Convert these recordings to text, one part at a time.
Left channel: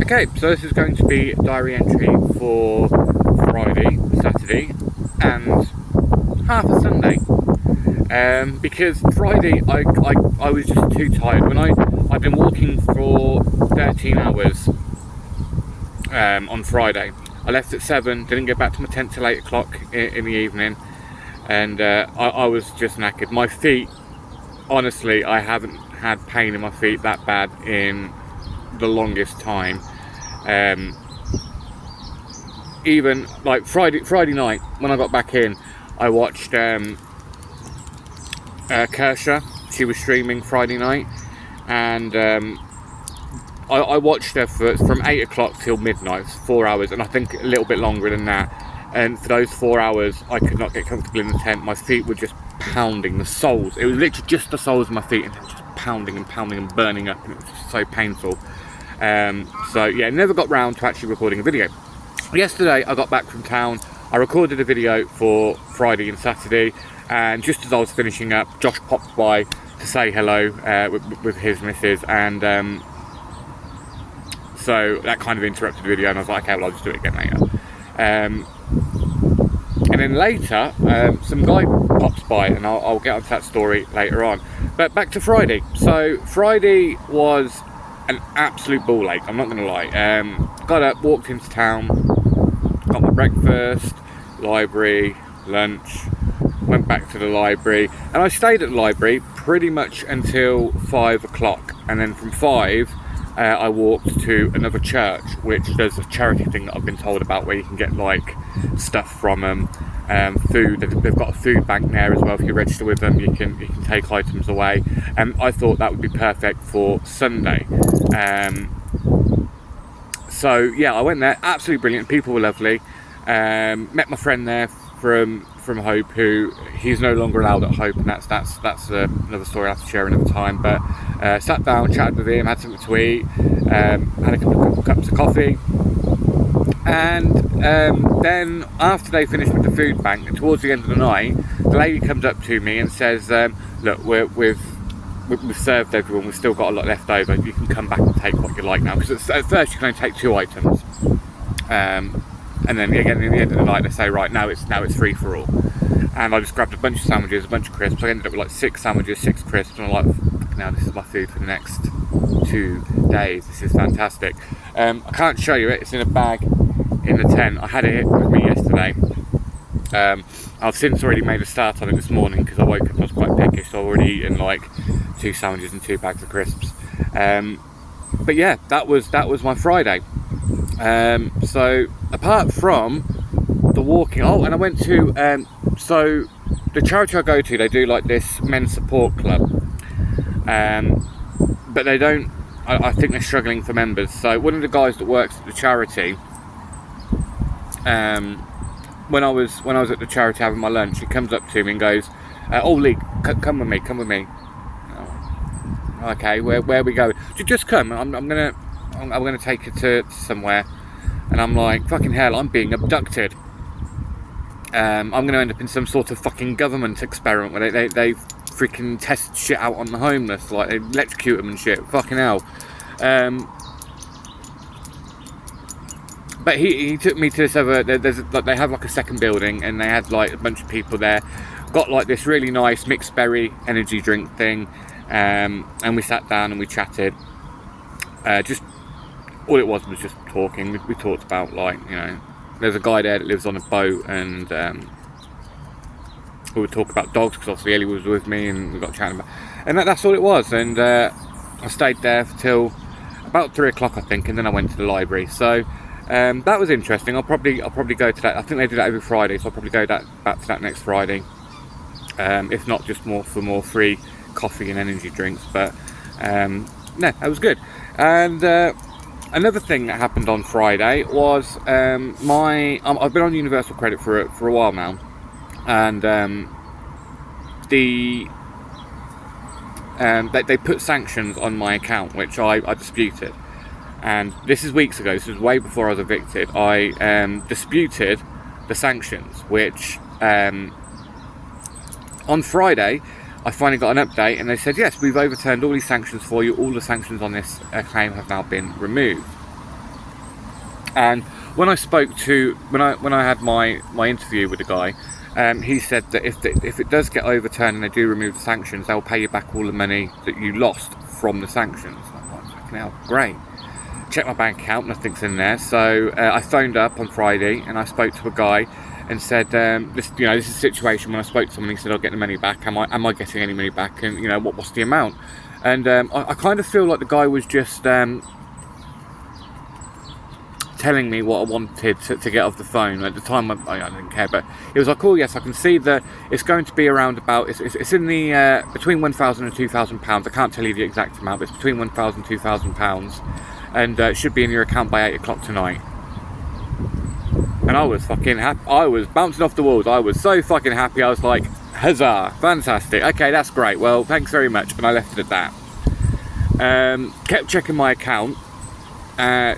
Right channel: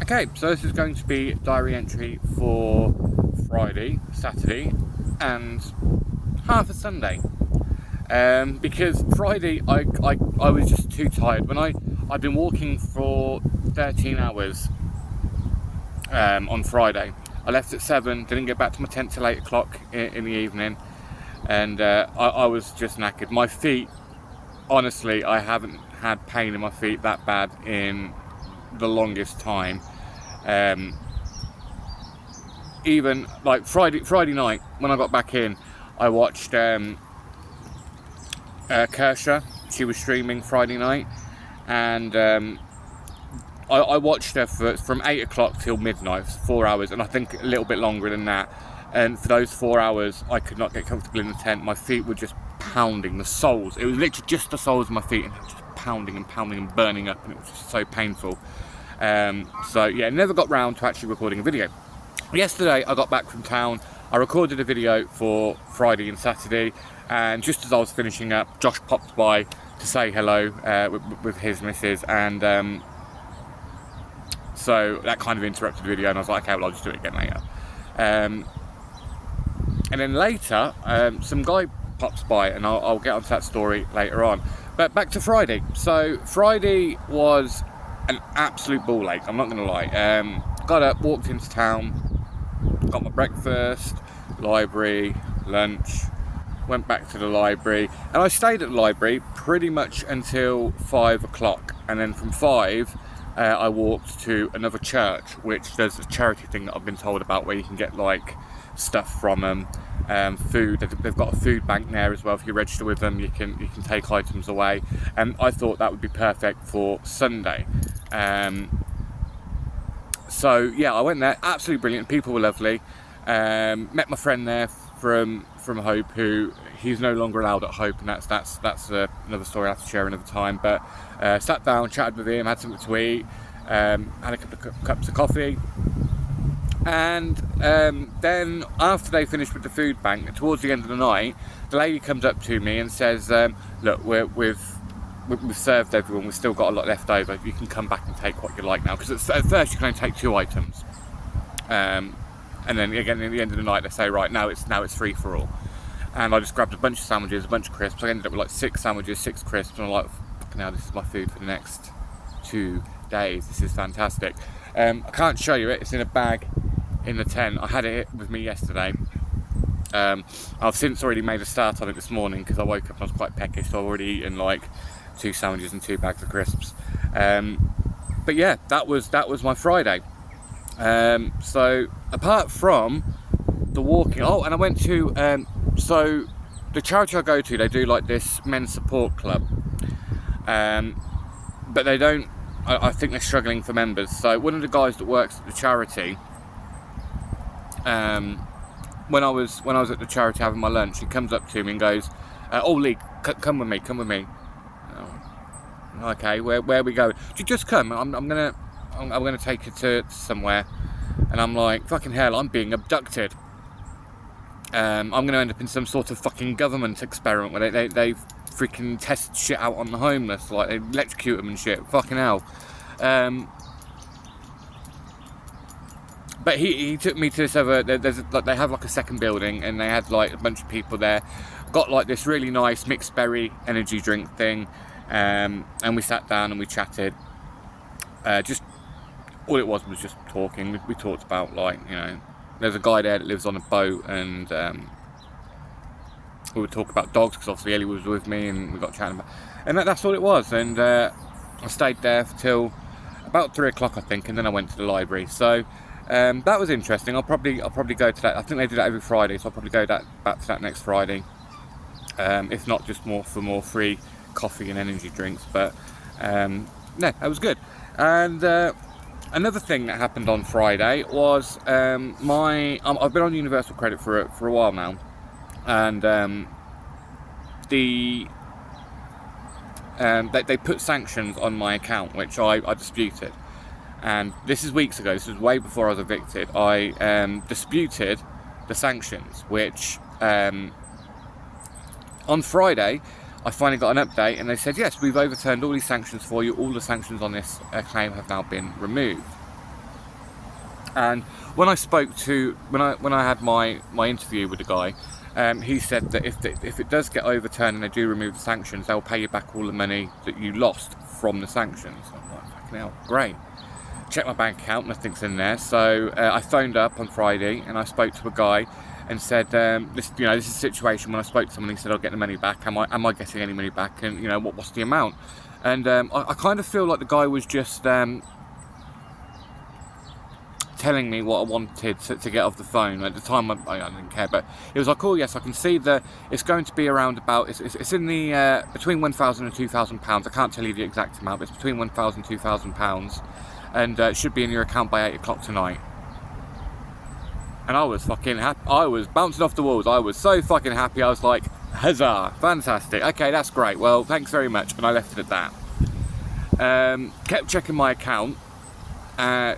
Okay, so this is going to be a diary entry for Friday, Saturday, and half a Sunday. Because Friday I was just too tired. I've been walking for 13 hours on Friday. I left at 7, didn't get back to my tent till 8 o'clock in the evening, and I was just knackered. My feet, honestly, I haven't had pain in my feet that bad in the longest time. Even like Friday night when I got back in, I watched Kersha. She was streaming Friday night, and I watched her from 8 o'clock till midnight, 4 hours, and I think a little bit longer than that. And for those 4 hours, I could not get comfortable in the tent. My feet were just pounding, the soles. It was literally just the soles of my feet, and they were just pounding and pounding and burning up, and it was just so painful. So yeah, never got round to actually recording a video. Yesterday, I got back from town. I recorded a video for Friday and Saturday, and just as I was finishing up, Josh popped by to say hello with his missus, and so that kind of interrupted the video, and I was like, okay, well, I'll just do it again later. And then later, some guy pops by, and I'll get onto that story later on. But back to Friday. So Friday was an absolute ball ache, I'm not going to lie. Got up, walked into town, got my breakfast, library, lunch, went back to the library, and I stayed at the library pretty much until 5 o'clock. And then from 5, I walked to another church, which there's a charity thing that I've been told about where you can get like stuff from them, food. They've got a food bank there as well. If you register with them, you can take items away. And I thought that would be perfect for Sunday. So yeah, I went there. Absolutely brilliant. People were lovely. Met my friend there from Hope, who he's no longer allowed at Hope, and that's another story I'll have to share another time. But sat down, chatted with him, had something to eat, had a couple of cups of coffee, and then after they finished with the food bank, and towards the end of the night, the lady comes up to me and says, look, we've served everyone, we've still got a lot left over, you can come back and take what you like now, because at first you can only take 2 items, and then again at the end of the night they say, right, now it's free for all. And I just grabbed a bunch of sandwiches, a bunch of crisps. I ended up with like 6 sandwiches, 6 crisps, and I'm like, now this is my food for the next 2 days. This is fantastic. I can't show you it, it's in a bag in the tent. I had it with me yesterday. I've since already made a start on it this morning because I woke up and I was quite peckish, so I've already eaten like 2 sandwiches and 2 bags of crisps. But yeah, that was my Friday. So apart from the walking, and I went to so the charity I go to, they do like this men's support club, but they don't, I think they're struggling for members. So one of the guys that works at the charity, when I was at the charity having my lunch, he comes up to me and goes, oh Lee, come with me. Oh, okay, where are we going? Just come, I'm gonna take you to somewhere. And I'm like, fucking hell, I'm being abducted. I'm going to end up in some sort of fucking government experiment where they freaking test shit out on the homeless, like they electrocute them and shit. Fucking hell. But he took me to this other. They have like a second building, and they had like a bunch of people there. Got like this really nice mixed berry energy drink thing, and we sat down and we chatted. Just all it was just talking. We talked about, like, you know, there's a guy there that lives on a boat, and we would talk about dogs because obviously Ellie was with me, and we got chatting about, and that's all it was. And I stayed there till about 3 o'clock, I think, and then I went to the library. So that was interesting. I'll probably go to that. I think they do that every Friday, so I'll probably go back to that next Friday. If not, just more free coffee and energy drinks. But no, that was good. And another thing that happened on Friday was I've been on Universal Credit for a while now, and they put sanctions on my account, which I disputed. And this is weeks ago. This was way before I was evicted. I disputed the sanctions, which on Friday I finally got an update, and they said, yes, we've overturned all these sanctions for you. All the sanctions on this claim have now been removed. And when I spoke to, when I had my interview with the guy, he said that if it does get overturned and they do remove the sanctions, they'll pay you back all the money that you lost from the sanctions. I'm like, fucking hell, great. Check my bank account, nothing's in there. So I phoned up on Friday and I spoke to a guy and said, this is a situation. When I spoke to someone, he said, I'll get the money back. Am I getting any money back? And what's the amount? And I kind of feel like the guy was just telling me what I wanted to get off the phone. At the time, I didn't care, but he was like, oh yes, I can see that it's going to be around about, it's in the, between £1,000 and £2,000. I can't tell you the exact amount, but it's between £1,000 and £2,000, and it should be in your account by 8 o'clock tonight. And I was fucking happy. I was bouncing off the walls. I was so fucking happy. I was like, huzzah, fantastic. Okay, that's great. Well, thanks very much. And I left it at that. Kept checking my account.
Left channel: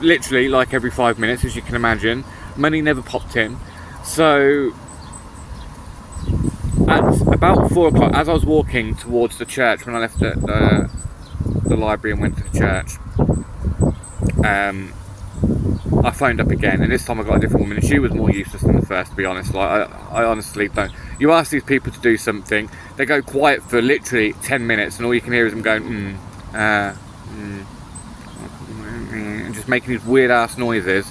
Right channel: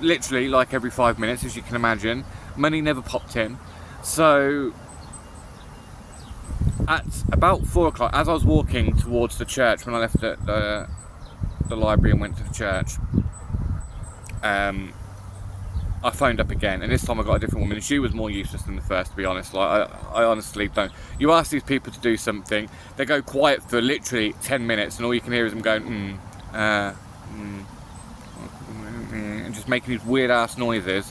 Literally like every 5 minutes, as you can imagine. Money never popped in. So at about 4 o'clock, as I was walking towards the church, when I left the library and went to the church, I phoned up again, and this time I got a different woman, and she was more useless than the first, to be honest. Like, I honestly don't. You ask these people to do something, they go quiet for literally 10 minutes, and all you can hear is them going, and just making these weird ass noises.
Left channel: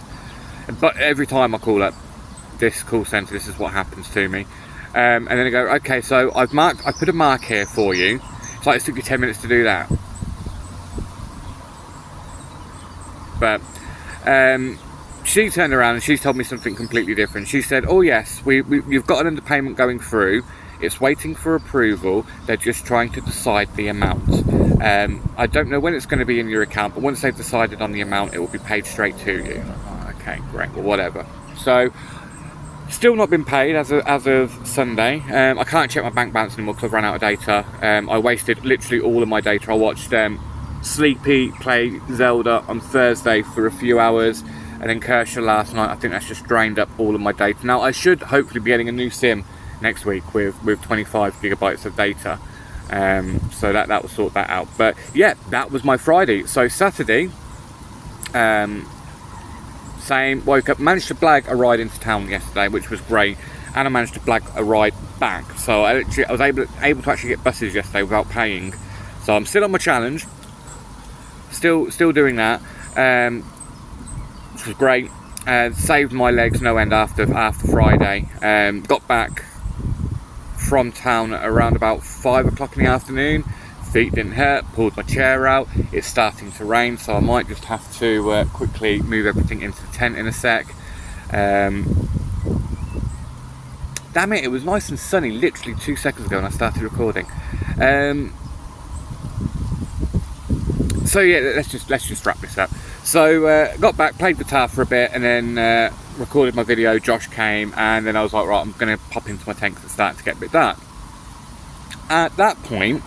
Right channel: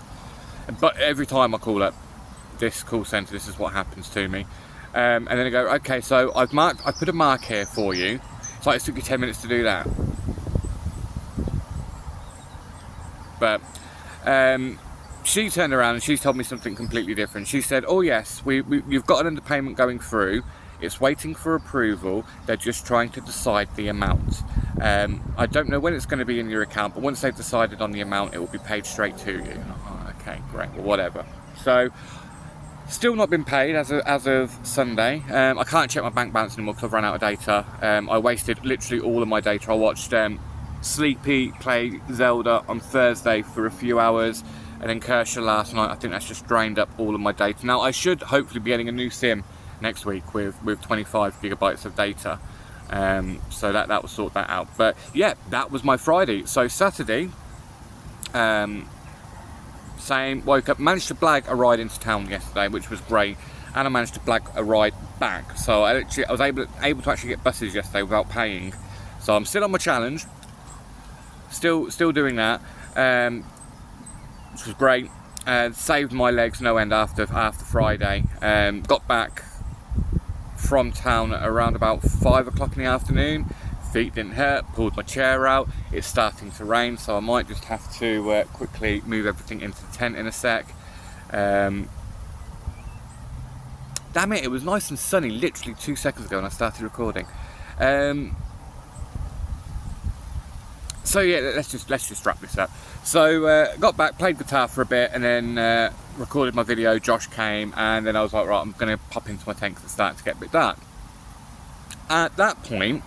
But every time I call up this call centre, this is what happens to me. And then they go, okay, so I put a mark here for you. It's like it took you 10 minutes to do that. But she turned around and she told me something completely different. She said, oh yes, you've got an underpayment going through. It's waiting for approval. They're just trying to decide the amount. I don't know when it's going to be in your account, but once they've decided on the amount, it will be paid straight to you. Oh, okay, great, well, whatever. So, still not been paid as of Sunday. I can't check my bank balance anymore because I've run out of data. I wasted literally all of my data. I watched Sleepy play Zelda on Thursday for a few hours, and then Kershaw last night. I think that's just drained up all of my data. Now, I should hopefully be getting a new SIM next week with 25 gigabytes of data, so that will sort that out. But yeah, that was my Friday. So Saturday, same, woke up, managed to blag a ride into town yesterday, which was great, and I managed to blag a ride back. So I was able to actually get buses yesterday without paying. So I'm still on my challenge, still doing that, which was great. Saved my legs no end after Friday. Got back from town at around about 5 o'clock in the afternoon. Feet didn't hurt, pulled my chair out. It's starting to rain, so I might just have to quickly move everything into the tent in a sec. Damn it, it was nice and sunny literally 2 seconds ago when I started recording. So yeah, let's just wrap this up. So got back, played guitar for a bit, and then recorded my video. Josh came, and then I was like, right, I'm going to pop into my tent because it's starting to get a bit dark. At that point,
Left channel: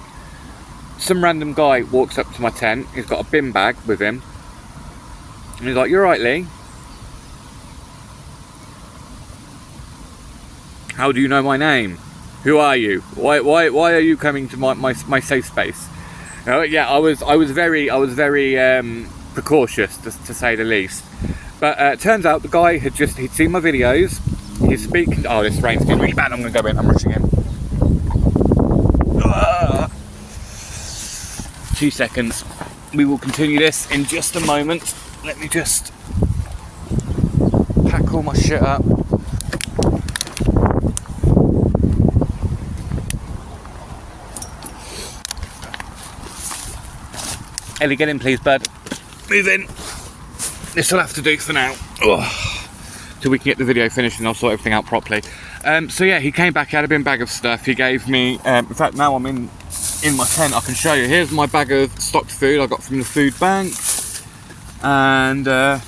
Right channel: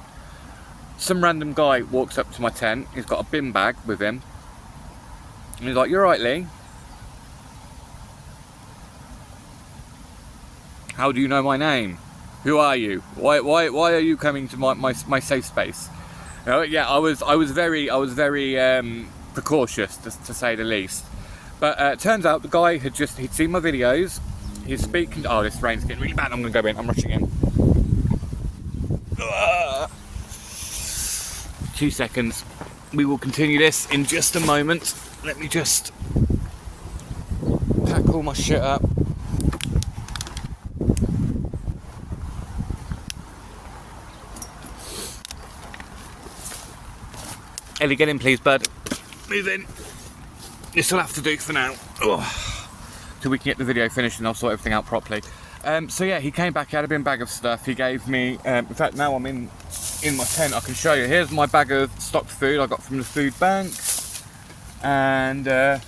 some random guy walks up to my tent. He's got a bin bag with him, and he's like, "You're right, Lee. How do you know my name? Who are you? Why are you coming to my safe space?" Yeah, I was very precautious, to say the least. But turns out the guy he'd seen my videos. He's speaking. Oh, this rain's getting really bad. I'm gonna go in. I'm rushing in. 2 seconds. We will continue this in just a moment. Let me just pack all my shit up. Ellie, get in please, bud. Move in. This will have to do for now. Till we can get the video finished and I'll sort everything out properly. So yeah, he came back, he had a bin bag of stuff. He gave me, in fact now I'm in my tent, I can show you. Here's my bag of stocked food I got from the food bank. And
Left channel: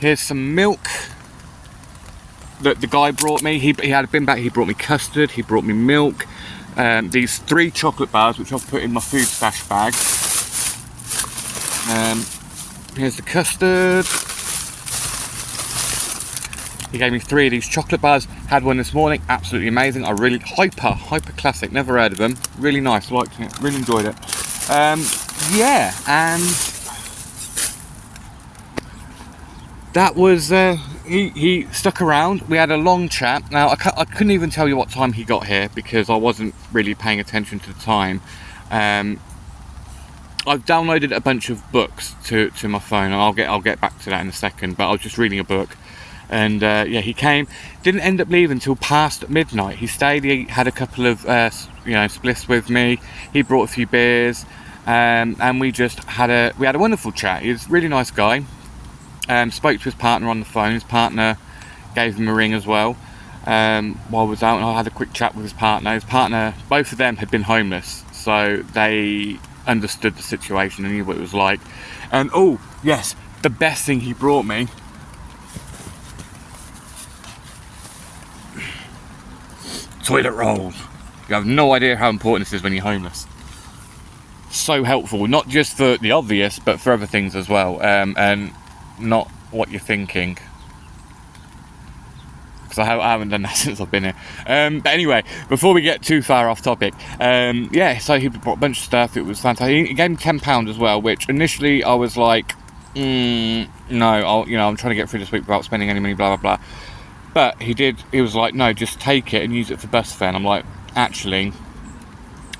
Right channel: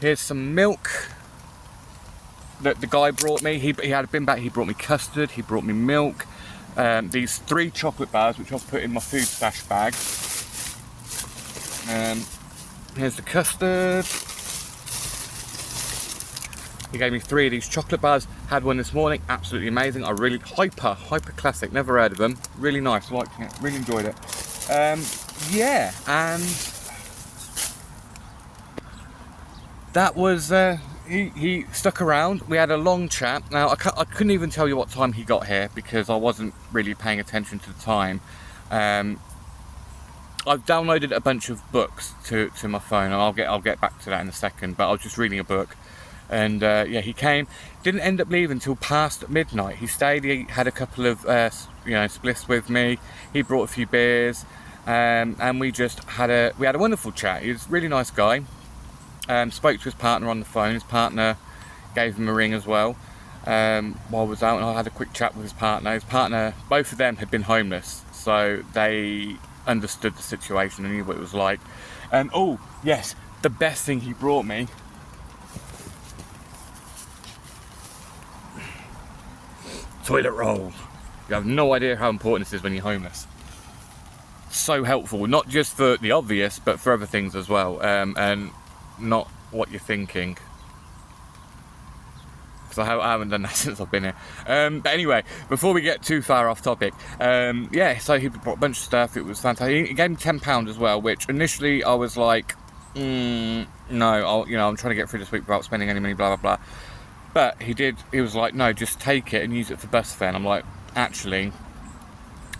here's some milk that the guy brought me. He had a bin bag, he brought me custard, he brought me milk. These 3 chocolate bars, which I'll put in my food stash bag. Here's the custard. He gave me 3 of these chocolate bars. Had one this morning, absolutely amazing. I really hyper classic. Never heard of them. Really nice, liked it. Really enjoyed it. Yeah, and that was, he stuck around. We had a long chat. Now, I couldn't even tell you what time he got here because I wasn't really paying attention to the time. I've downloaded a bunch of books to my phone, and I'll get back to that in a second, but I was just reading a book. And yeah, he came, didn't end up leaving until past midnight. He stayed, he had a couple of spliffs with me, he brought a few beers, and we just had a wonderful chat. He was a really nice guy. Spoke to his partner on the phone. His partner gave him a ring as well while I was out, and I had a quick chat with his partner. Both of them had been homeless, so they understood the situation and knew what it was like. And oh yes, the best thing he brought me, toilet rolls. You have no idea how important this is when you're homeless. So helpful, not just for the obvious, but for other things as well, and not what you're thinking. Because I haven't done that since I've been here. But anyway, before we get too far off topic, yeah, so he brought a bunch of stuff. It was fantastic. He gave me £10 as well, which initially I was like, no, I'm trying to get through this week without spending any money, blah blah blah. But he was like, no, just take it and use it for bus fare. And I'm like, actually,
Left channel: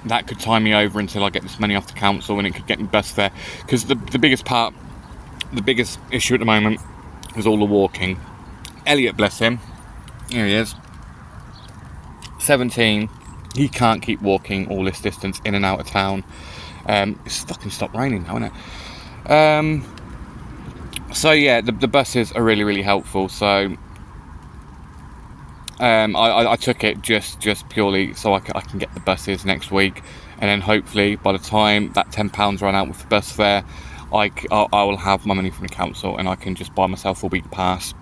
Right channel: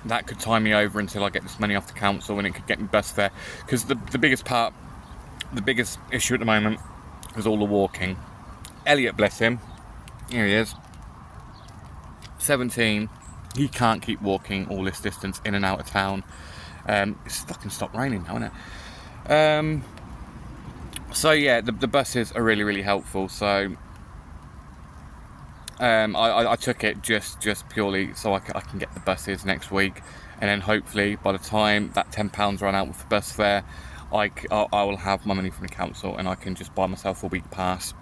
that could tie me over until I get this money off the council, and it could get me bus fare. Because the biggest issue at the moment was all the walking. Elliot, bless him, here he is, 17, he can't keep walking all this distance in and out of town. It's fucking stopped raining now, isn't it? So yeah, the buses are really, really helpful. So I took it just purely so I can get the buses next week, and then hopefully by the time that £10 run out with the bus fare, I will have my money from the council and I can just buy myself a week pass.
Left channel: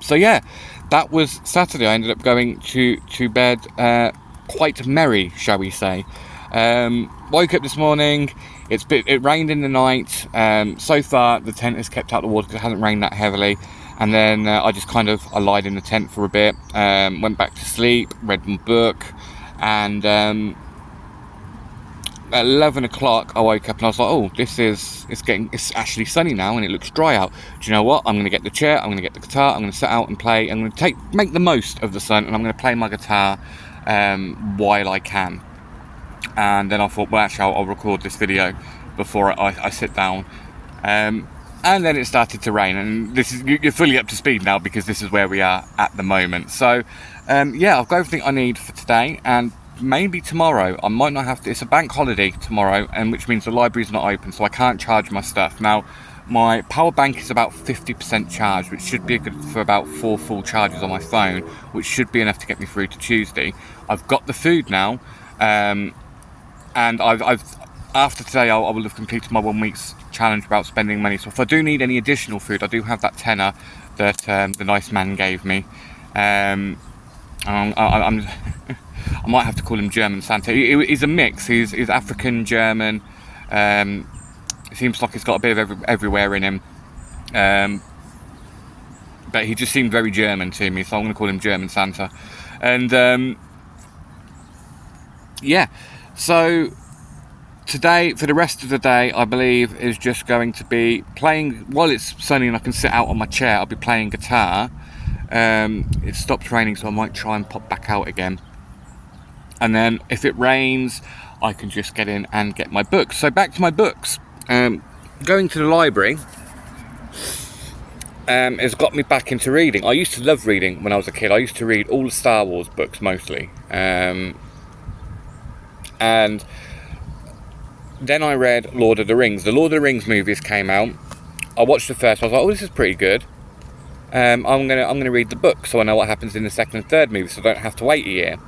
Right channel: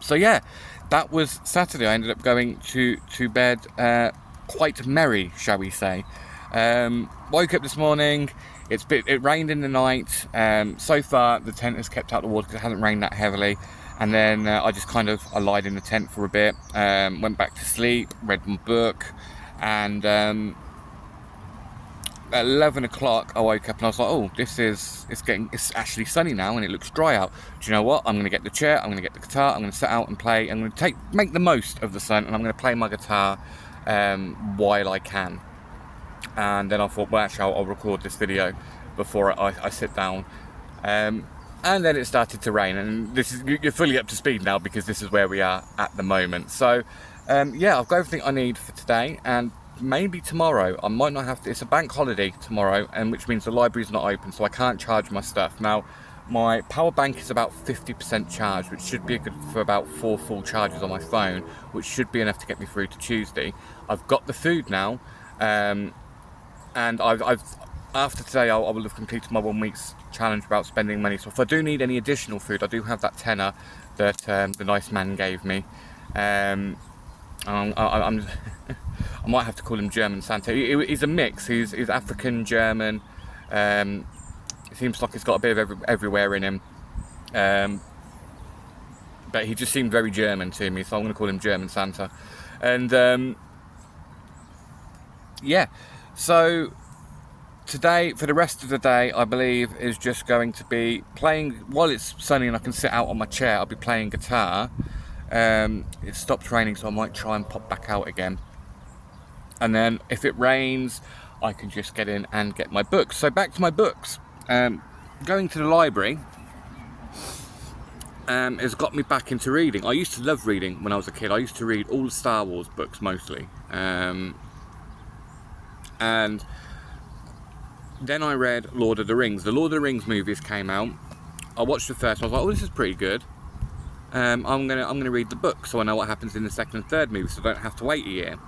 So yeah, that was Saturday. I ended up going to bed quite merry, shall we say. Woke up this morning, it rained in the night. So far the tent has kept out the water because it hasn't rained that heavily. And then I lied in the tent for a bit, went back to sleep, read my book, and at 11 o'clock I woke up and I was like, oh, it's actually sunny now and it looks dry out. Do you know what? I'm going to get the chair, I'm going to get the guitar, I'm going to sit out and play, I'm going to make the most of the sun, and I'm going to play my guitar while I can. And then I thought, well, actually I'll record this video before I sit down. And then it started to rain, and you're fully up to speed now because this is where we are at the moment. So yeah, I've got everything I need for today, and maybe tomorrow I might not have to. It's a bank holiday tomorrow, and which means the library's not open, so I can't charge my stuff. Now my power bank is about 50% charged, which should be good for about 4 full charges on my phone, which should be enough to get me through to Tuesday. I've got the food now, and I've after today I will have completed my 1 week's challenge about spending money. So if I do need any additional food, I do have that tenner that the nice man gave me. I might have to call him German Santa. He's a mix. He's African, German. It seems like he's got a bit of everywhere in him. But he just seemed very German to me, so I'm going to call him German Santa. And yeah, so today, for the rest of the day, I believe is just going to be playing, while it's sunny and I can sit out on my chair, I'll be playing guitar. It stopped raining, so I might try and pop back out again. And then if it rains, I can just get in and get my books. So back to my books. Going to the library has got me back into reading. I used to love reading when I was a kid. I used to read all the Star Wars books mostly. And then I read Lord of the Rings. The Lord of the Rings movies came out. I watched the first one. I was like, oh, this is pretty good. I'm gonna read the book so I know what happens in the second and third movie, so I don't have to wait a year.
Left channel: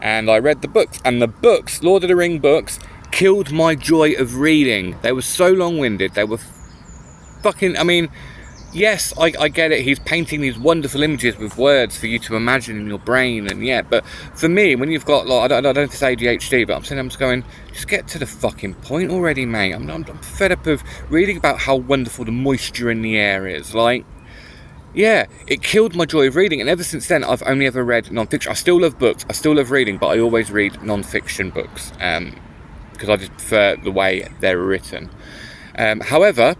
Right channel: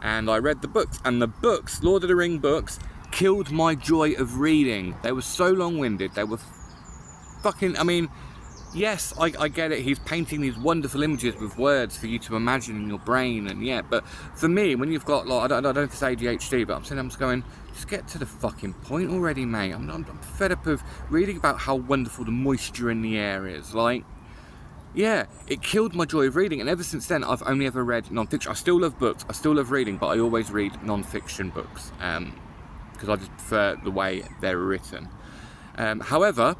And I read the books, and the books, Lord of the Ring books, killed my joy of reading. They were so long-winded. They were fucking, I mean, yes, I get it. He's painting these wonderful images with words for you to imagine in your brain, and yeah, but for me, when you've got, like, I don't know if it's ADHD, but I'm just going, just get to the fucking point already, mate. I'm fed up of reading about how wonderful the moisture in the air is. Like, yeah, it killed my joy of reading, and ever since then, I've only ever read non-fiction. I still love books, I still love reading, but I always read non-fiction books, because I just prefer the way they're written. However,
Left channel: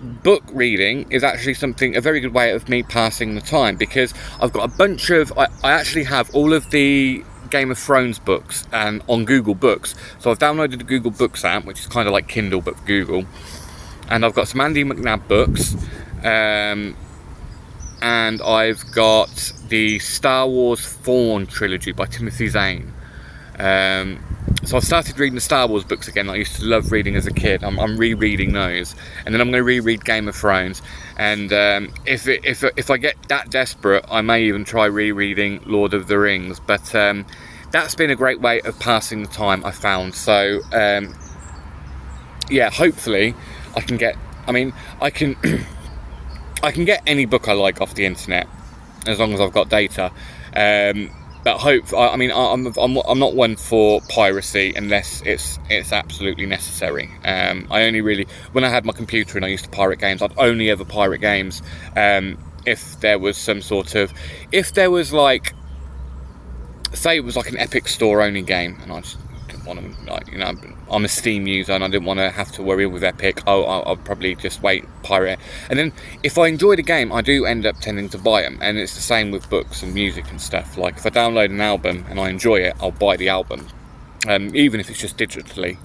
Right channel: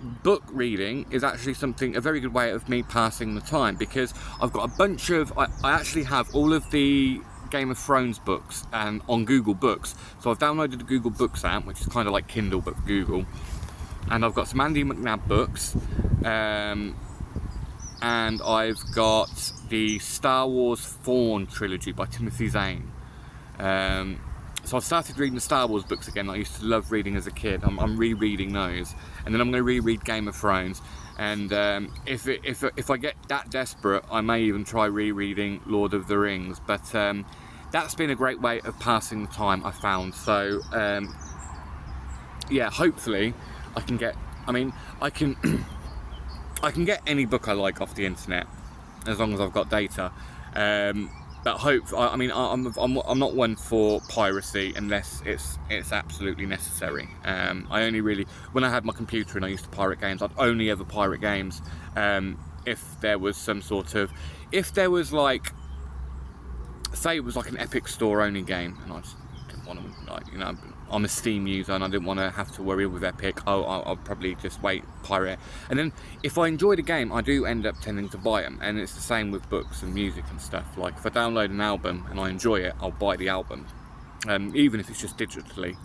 book reading is actually a very good way of me passing the time, because I've got a bunch of, I actually have all of the Game of Thrones books and on Google Books. So I've downloaded the Google Books app, which is kind of like Kindle but for Google, and I've got some Andy McNab books, and I've got the Star Wars Thrawn trilogy by Timothy Zahn. So I've started reading the Star Wars books again that I used to love reading as a kid. I'm rereading those, and then I'm going to reread Game of Thrones. And if I get that desperate, I may even try rereading Lord of the Rings. But that's been a great way of passing the time, I found. So yeah, hopefully I can get. I mean, I can I can get any book I like off the internet as long as I've got data. But I'm not one for piracy unless it's absolutely necessary. I only really, when I had my computer and I used to pirate games, I'd only ever pirate games if there was some sort of, if there was like, say it was like an Epic Store only game, and I just didn't want to, like, you know, I'm a Steam user and I didn't want to have to worry with Epic. I'll probably just pirate it. And then if I enjoy the game, I do end up tending to buy them. And it's the same with books and music and stuff. Like if I download an album and I enjoy it, I'll buy the album, even if it's just digitally.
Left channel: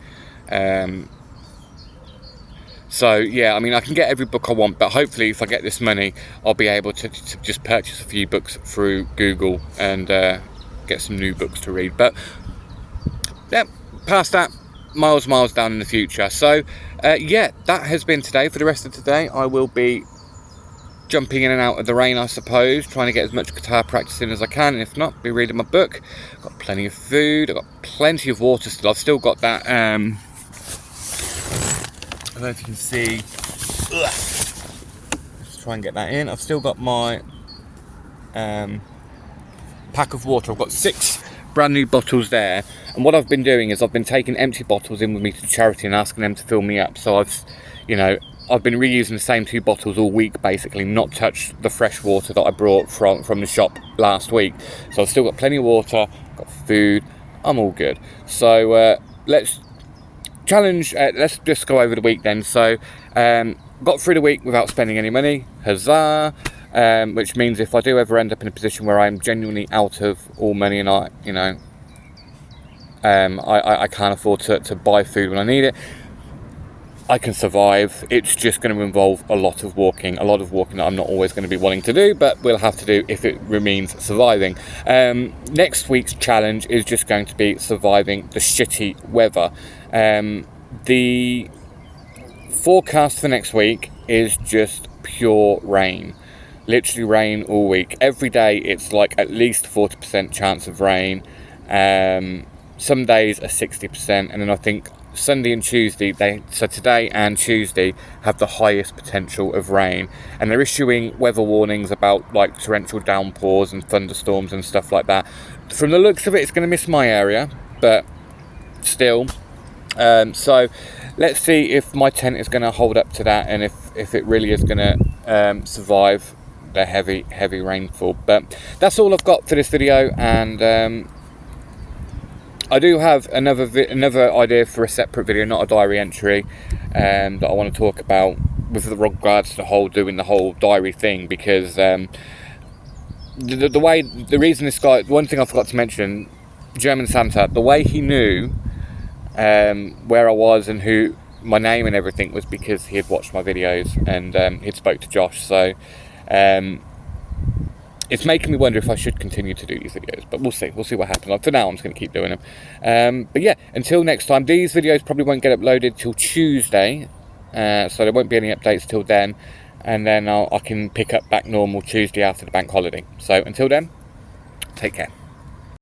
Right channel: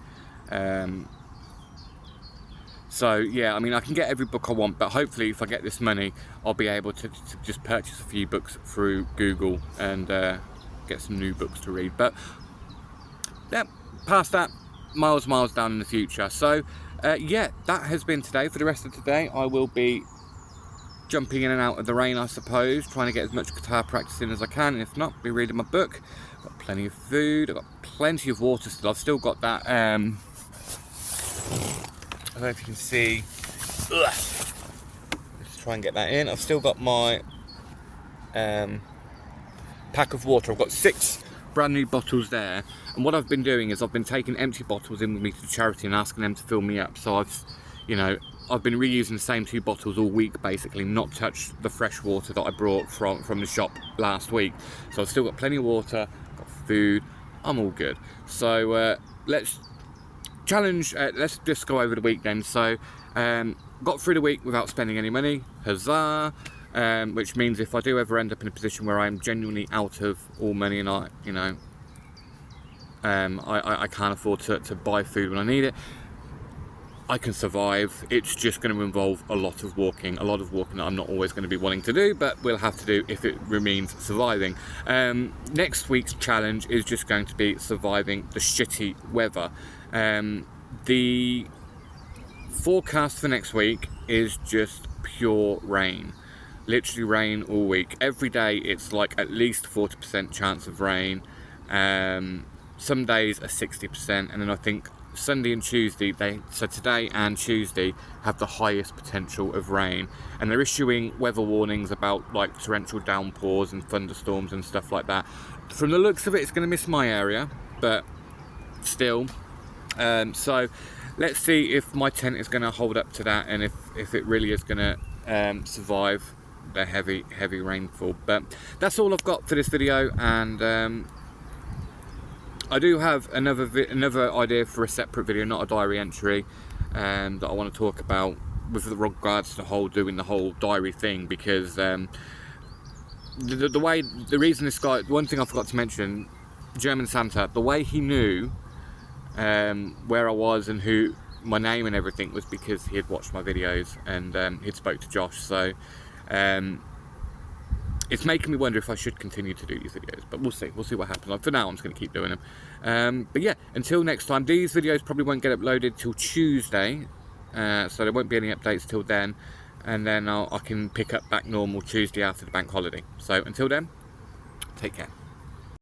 So yeah, I mean, I can get every book I want, but hopefully if I get this money, I'll be able to just purchase a few books through Google and get some new books to read. But yeah, past that, miles down in the future. So yeah, that has been today. For the rest of today, I will be jumping in and out of the rain, I suppose, trying to get as much guitar practice in as I can, and if not, be reading my book. I've got plenty of food, I've got plenty of water still. I've still got that I don't know if you can see. Let's try and get that in. I've still got my pack of water. I've got 6 brand new bottles there, and what I've been doing is I've been taking empty bottles in with me to charity and asking them to fill me up. So I've been reusing the same 2 bottles all week, basically, not touched the fresh water that I brought from the shop last week. So I've still got plenty of water, got food, I'm all good. So let's just go over the week then. So got through the week without spending any money, huzzah. Which means if I do ever end up in a position where I'm genuinely out of all money and I can't afford to buy food when I need it, I can survive. It's just going to involve a lot of walking that I'm not always going to be wanting to do, but we'll have to do if it means surviving. Next week's challenge is just going to be surviving the shitty weather. The forecast for next week is just pure rain. Literally rain all week. Every day it's like at least 40% chance of rain. Some days are 60%, and then I think Sunday and Tuesday, so today and Tuesday, have the highest potential of rain. And they're issuing weather warnings about like torrential downpours and thunderstorms and stuff like that. From the looks of it, it's going to miss my area, but still. So let's see if my tent is going to hold up to that, and if it really is going to survive the heavy rainfall. But that's all I've got for this video, and I do have another idea for a separate video, not a diary entry, that I want to talk about with regards to doing the whole diary thing, because the reason this guy, one thing I forgot to mention, German Santa, the way he knew where I was and who my name and everything was because he had watched my videos and he'd spoke to Josh. So it's making me wonder if I should continue to do these videos, but we'll see what happens. Like, for now, I'm just going to keep doing them. But yeah, until next time, these videos probably won't get uploaded till Tuesday, so there won't be any updates till then, and then I can pick up back normal Tuesday after the bank holiday. So until then, take care.